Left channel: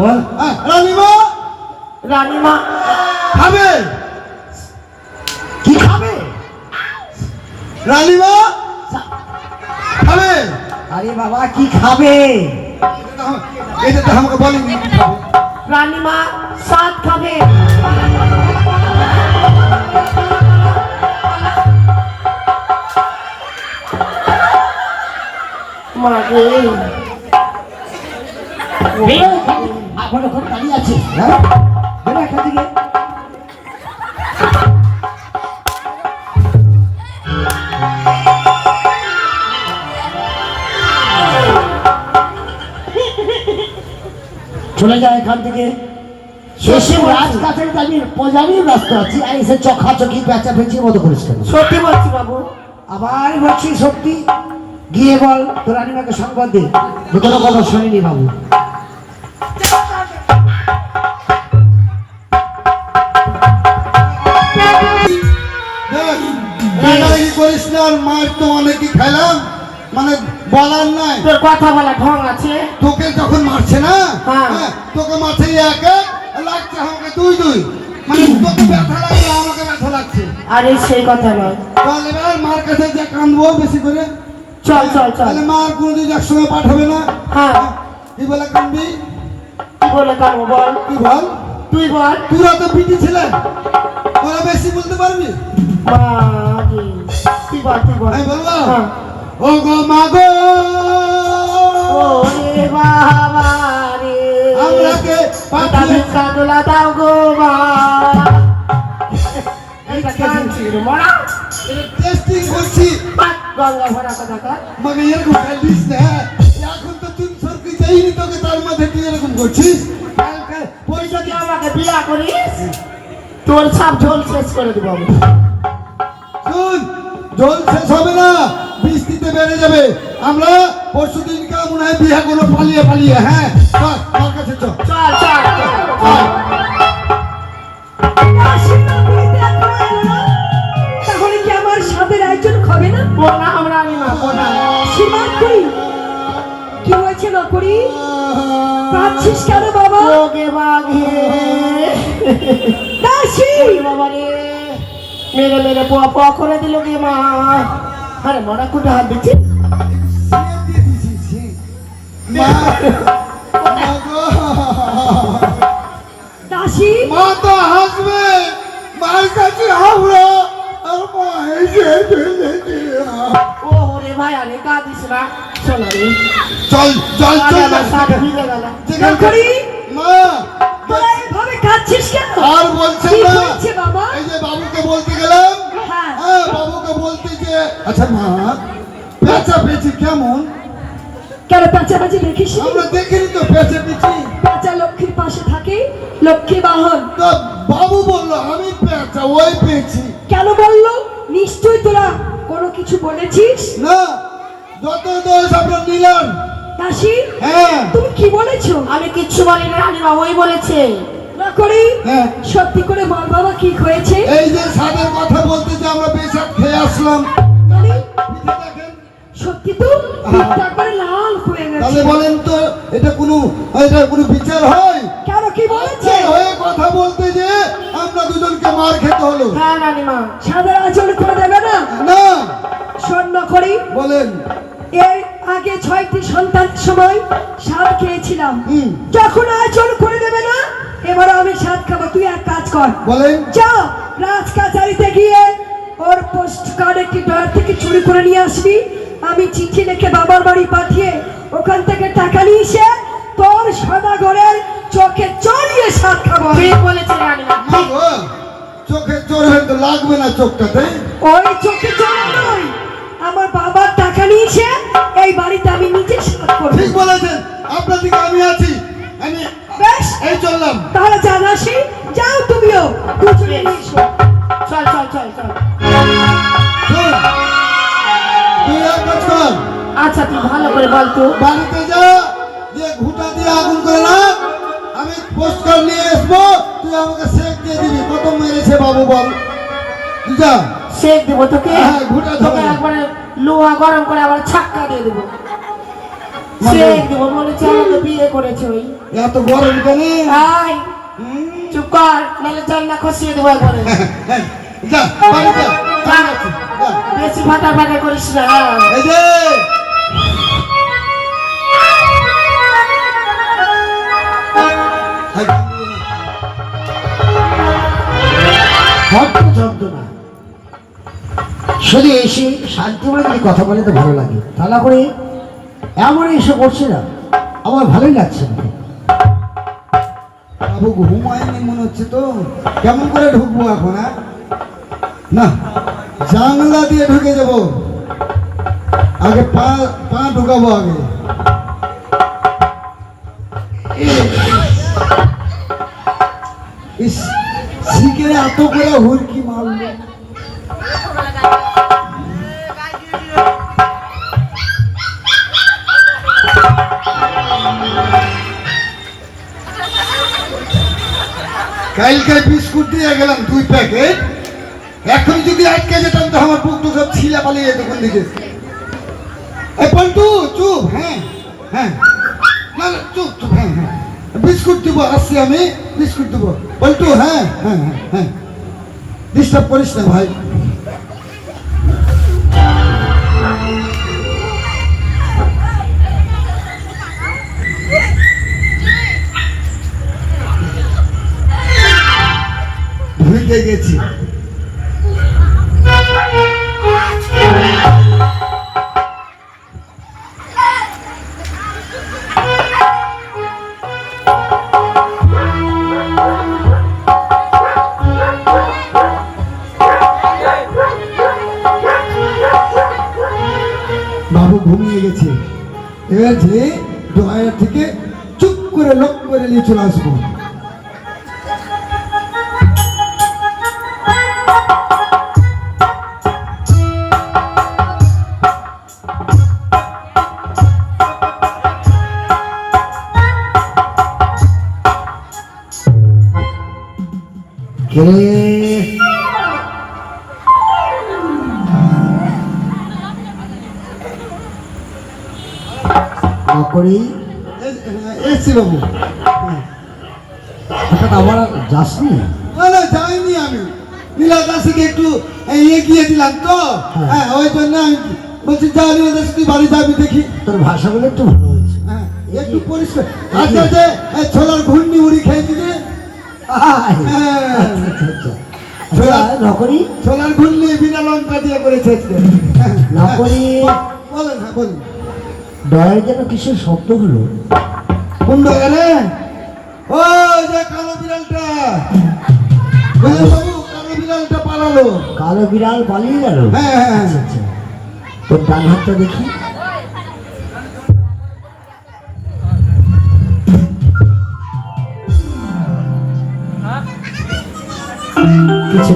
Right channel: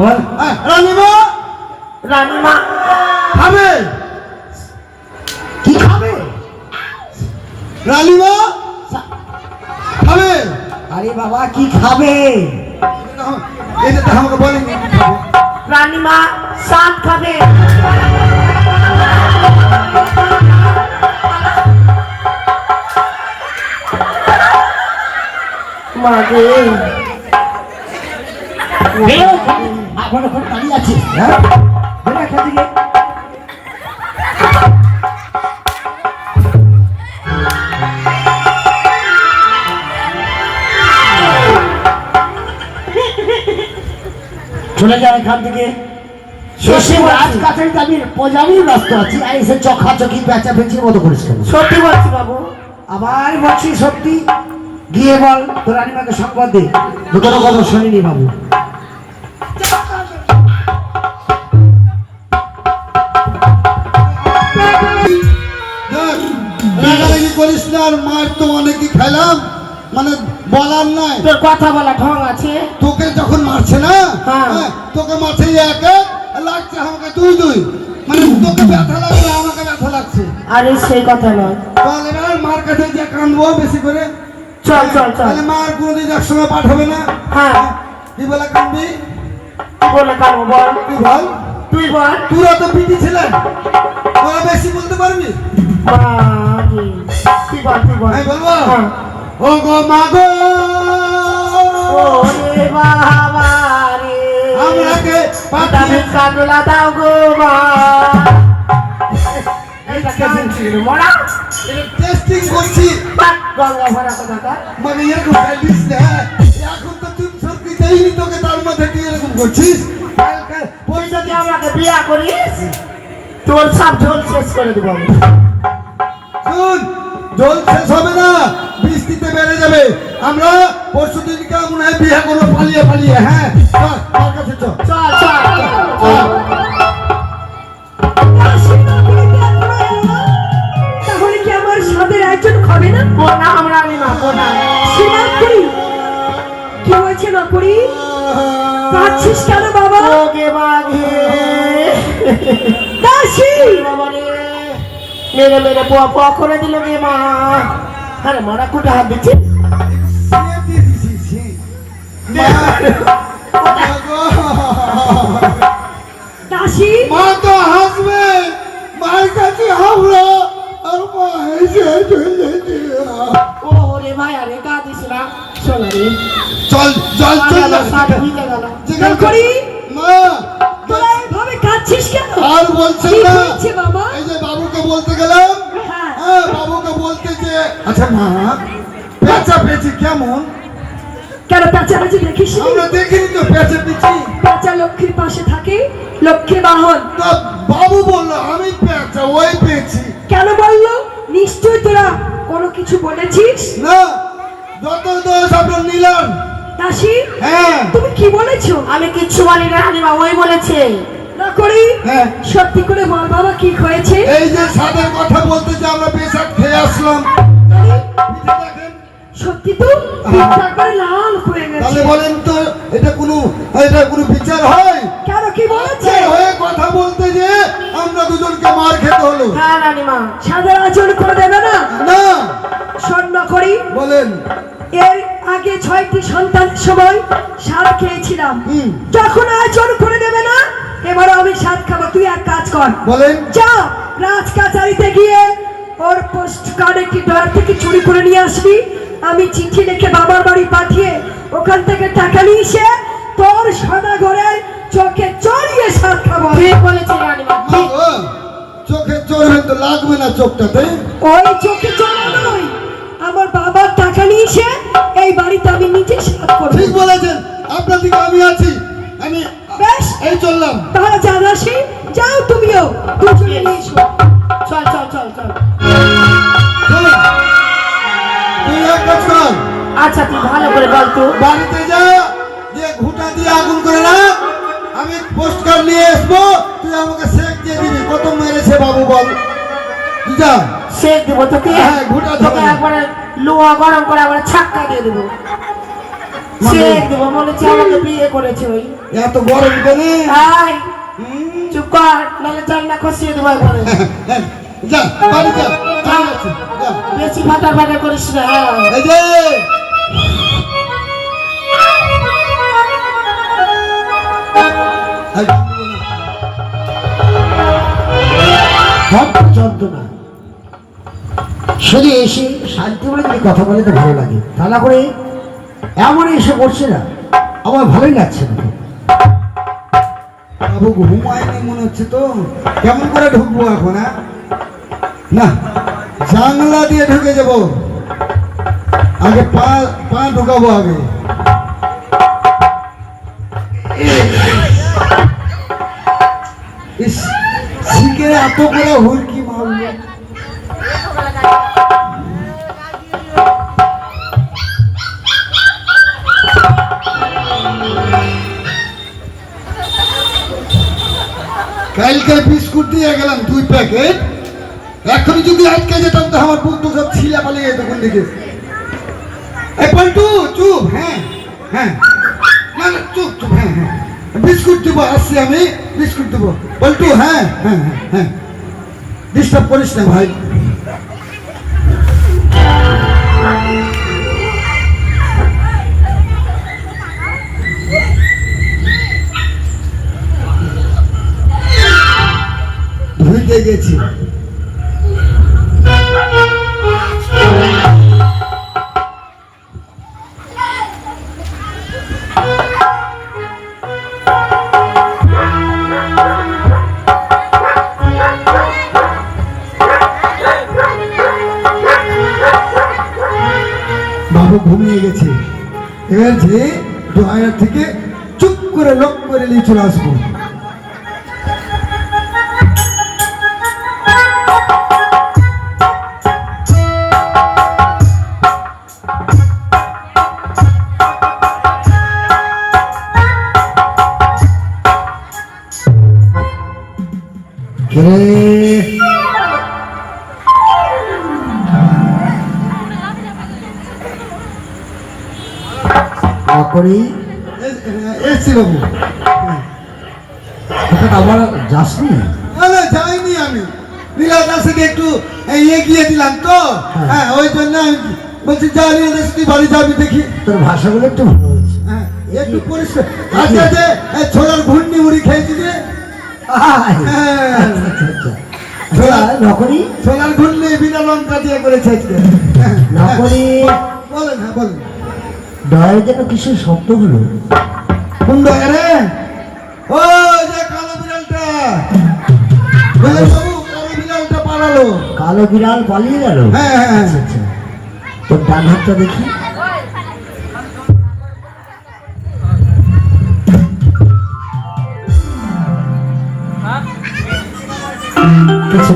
বল হ্যাঁ, রানীমা? রানীমা। খাবে? কি খাবে? রানীমা? খাবে? আরে বাবা কি খাবে? এটা তো আমাকে বলেনি। রানীমা সাত খাবে। মাগে চলে যায় এখান থেকে। আছি। আর এসে পেঁচা পেঁচির মতো সত্যি বলছি বাবু। আবার বলছি সত্যি। গিয়ে বল তোর রানিমাকে সংবাদ দে। দুটোর কথা শুনিনি বাবু। করিস না আর মায়ের তো অনেকই খাইলাম মানে বলার নাই। তোর কথা বলা ঢং আছে। তোকে যখন মারছে না? হ্যাঁ। হ্যাঁ, তোকে মারছে এক লাগছে আমাকে দুই দুই। মানে তোকে ব্যথা লাগছে আমাকে ব্যথা লাগছে। আরে সেই কথা নয়। তাহলে এবার মার কাছে যে কাঁদবো বেশি করে। চল চল চল। তাহলে মার কোনোদিন একসঙ্গে পাঠাবে না। হ্যাঁ। কি বলে কাঁদবি কি বলে কানবো বল? তুই বল? তুই বল। তোরা তো পিটি ছিলেন তোরা বেশি বলতে পারবি? তুই বল তুই বল? আমি বলব হ্যাঁ। ও গো মা গো। বাবা রে। আমরাকে পাঠিয়ে আমি কানলা দাও গো মা টেস্টিং করছি। মানে এরকম ফেলিস না এখন তো তুই সরকি যাইনি তোকে তার মধ্যে তুই এরকম করছিস? তুই যদি আমাকে বিয়া করিস তোর সব ঝোল শেষ করে দেবো। শুন জল শেষ হবে না বৃষ্টিতে বেড়ে যাবে। আমরা পরশু দিনকে মনে হয়? বিয়ে করব পালিয়ে পালিয়ে হ্যাঁ? চল কাছে চল। চল চল চল, চল। তাহলে কি আমার স্বাদের আয়োজন হবে না? কোনা আমরা আমি মা কোনা শ্রীনাথপুরি কি হয়েছে নপুরি কাঁদছিস কেন বাবা? ওগে বাঘে। দাসী! বাবা রে মেরে মেরে পোয়া পোয়া করে দিল রে মা। আরে মরা কুটে হাত দিচ্ছে দাসী? মা তো হাসবে মার কাছে হাবলো আর মা হেসে চলে ও রে ভাই আরে কাঁদিস না। চল রে চল চল চল। নপুরি মা এভাবে কাঁদছিস কেন? আর বলছেন না। বাবা? এই যে বাবুকে বলতে গেলাম। হ্যাঁ। হ্যাঁ বাবুকে বলতে যে আচ্ছা মা। পেঁচা পেঁচি কেমন? কেন পেঁচা দেখিস আমরা দেখিনি তো লক্ষ্মীর পাশে থাকে লক্ষ্মী বাহন। তা বাবু বলল আমি পেঁচা ওই পেঁচি কেন বলল? নিশ্চয় তোরা কোনো কিছু বলেছিস? না যত দোষ আপনার নিলাম। দাসী হ্যাঁ। তুমি কি বলেছ? আমি কিচ্ছু বলি না রানীমা ওই বলেছে। না করি হ্যাঁ। সত্যি করে বল বাবা কি হয়েছে? এই যে সাদের কথা বলতে যে আমরা পেশাব খেয়ে আসলাম। সত্যি করে লাল হয়ে তাহলে বলেন তো এটা কোনো এটা কোনো বিচার হয়? কেন কি বলেছে? হয়ে কথা বলতে যে আমরা দুজনকে মার খেতে হলো। হ্যাঁ রানীমা সাদা আচরণ করে দেবে না? না। স্বর্ণ করি। বলেন। এর আগে ছয়টি সন্তানের সময় স্বাদ খেয়েছিলাম। যখন আচরণ করে দেবে না এবার আমি স্বাদ খাব। তুই এক কাজ কর। বলেন। যা রাজ কাচারিতে গিয়ে ওর পোস্ট কার্ড একটি ডলার থেকে চুরি করে নিয়ে আসবি। আমি চিঠি লিখে বাবার বাড়ি পাঠিয়ে ওখান থেকে টাকা নিয়ে এসে তোর সাদা ঘরে চোখে চড়িয়ে সাত খাব। চোখে চোর তো লাগবে না চোখটাতে? ওই চোখে চড়া নয়। আমার বাবার টাকা নিয়ে এসে এই বাড়িতে আমি নিজে সাত করব। ঠিক বলেছেন। আপনার দিকে আমি আছি। আমি বেশ। এই চললাম। তাহলে জানাসি। যাও তুমিও। দুজনে নিয়ে এসো। চল চল চল চল। এক আচ্ছা তুই ভালো করে বল তো। বাড়িতে যা যে ঘুটা দিয়ে আগুন করে না। আমি পোস্ট কার্ড নিয়ে আসব তুই আমাকে শেক দিয়ে দিবি। কত মেরেছে বাবু বল। যা। শেখ দেবো তোকে? হ্যাঁ, ঘুটা দেবো। একবারে লোহা গরম করে আবার ছাক্কা দিয়ে দেবো। চেক দেবো মনে হচ্ছে আমাকে বিয়ে করেছে ওই। এত গরম কেন? আয়। চুপ কর নাহলে জানলা খসিয়ে দেবো একবারে। যা বাড়ি বেশি ফাটা ফাটা করিস না। শুধু এসে শান্তি বলে যদি কথা বলে তো ভালো লাগে। তা না করে এমন এসে বসছে না। আমার ভালোই লাগছে না। বাবু, ঘুমায়নি মনে হচ্ছে তো। কেমন করে ঢুকবো এখন হ্যাঁ? না। জানলা দিয়ে ঢুকে যাব। আগে পা পা ঢুকাবো আগে। শিখে এত করে হুড়কি মারলো। কালকে বিস্কুট দিয়ে গেলাম দুই প্যাকেট। এখন যদি আটকে যেতাম তো আমার বুক তো সব ছিলা পালিয়ে যেত কোন দিকে? এ পল্টু, চুপ হ্যাঁ হ্যাঁ। না চুপ চুপ হ্যাঁ হ্যাঁ। বিস্কুট দিব, আসছি আমি, বিস্কুট দিব। পল্টু হ্যাঁ হ্যাঁ হ্যাঁ হ্যাঁ। ডিস্টার্ব করিস না ভাই। ঢুকে গেছি। বাবু ঘুমিয়ে গেছে। এবার যে ড্রয়ার থেকে চুপ করে লক করে নিয়ে চলে আসব। কে করি। এ- এসছি বাবু হঠাৎ আবার যাসনি? না না যাইনি আমি। নীলার কাছ একটু এগিয়ে দিলাম তো। হ্যাঁ। ওই জন্য আমি বলছি যা দাস, তুই বাড়ি যাবি দেখি। তোর ভাষাগুলো একটু ভালো হয়েছে। হ্যাঁ একটু পরিষ্কার। আজকে যে ছোলার ঘূর্ণি উড়ি খেয়েছি যে আয়, হ্যাঁ। আচ্ছা, আচ্ছা, আচ্ছা। আচ্ছা, নকরি? ছোলার ঘূর্ণি বিনা লঙ্কা দিয়ে আজকে হ্যাঁ, নকরি? বলেন হ্যাঁ বলেন। ডয়ের যেন কিসের শব্দ হলো কুন্ড রে? ও যে কালো বিড়ালটা। বাবু কালো বিড়ালটা পালালো। কালো বিড়াল পালিয়ে গেল? হ্যাঁ হ্যাঁ আচ্ছা আচ্ছা। তোর ডান হাতটা দেখি। কিছু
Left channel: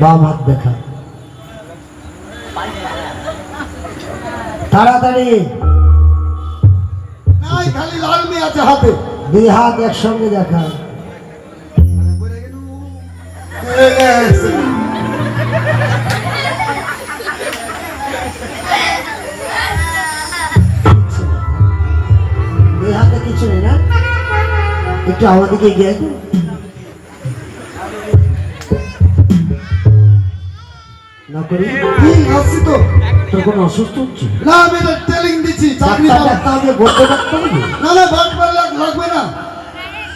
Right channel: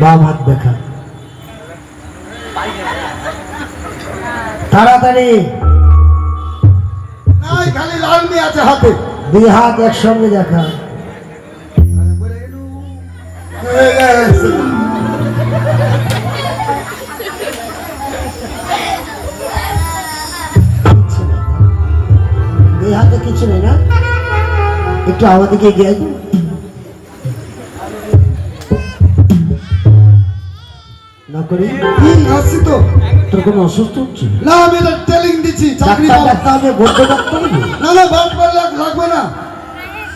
বাম হাত দেখা। তাড়াতাড়ি। নাই খালি লাল আছে হাতে। দুই হাত একসঙ্গে দেখা। দুই হাতে কিছু নেই না? একটু আমাদেরকে গিয়ে না করি? কি তো। তোর কোনো অসুস্থ হচ্ছে? না আমি এটা ট্রেনিং দিচ্ছি চাকরি ডাক্তার পাবো। ডাক্তার আমাকে গদ্য ডাক্তার নেই? না না বাদ পার লাগবে না।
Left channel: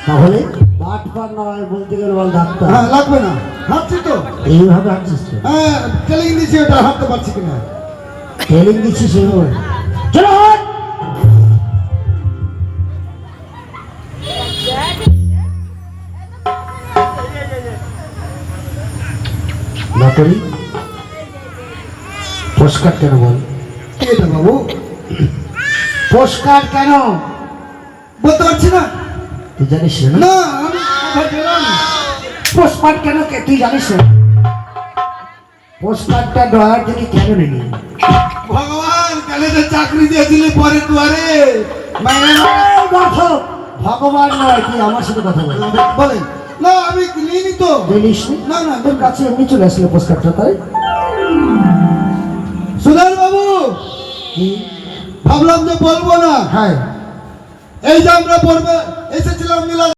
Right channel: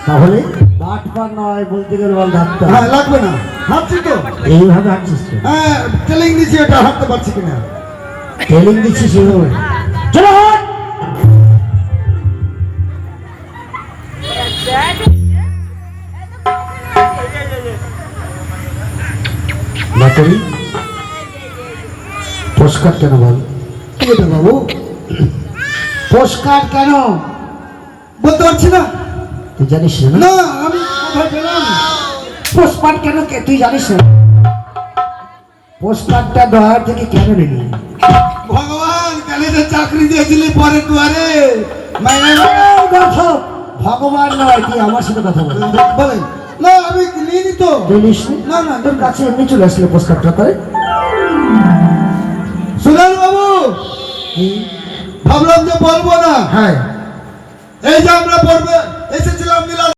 তাহলে বাট পার নয় বলতে গেলে বল ডাক্তার। হ্যাঁ লাগবে না। হাঁটছি তো। এইভাবে হাঁটছিস হ্যাঁ ট্রেনিং দিচ্ছি এটা হাঁটতে পারছি কিনা। চলো হাট! বাটরি পোস্টকার্ড কেন বল? কি এটা বাবু? পোস্টকার্ড কেন? বলতে পারছি না। তুই জানিস না? না আমি পোস্টকার্ড কেন তুই জানিস না? পোস্টকার্ডটা ডয়ার থেকে কেন নিলি? ভগবান কালে যে চাকরি দিয়েছিলি পরে দুয়ারে। এই দেখো, ভগবান নয় তুই আমার সাথে কথা বল। বলেন। না আমি নিইনি তো। জানিস না? না তোর কাছে এমনি চলে আসলে পোস্টকার্ডটা তাই? সুধার বাবু? ভাবলাম যে বলব না। হ্যাঁ। এই যে আমরা পড়বে এসেছি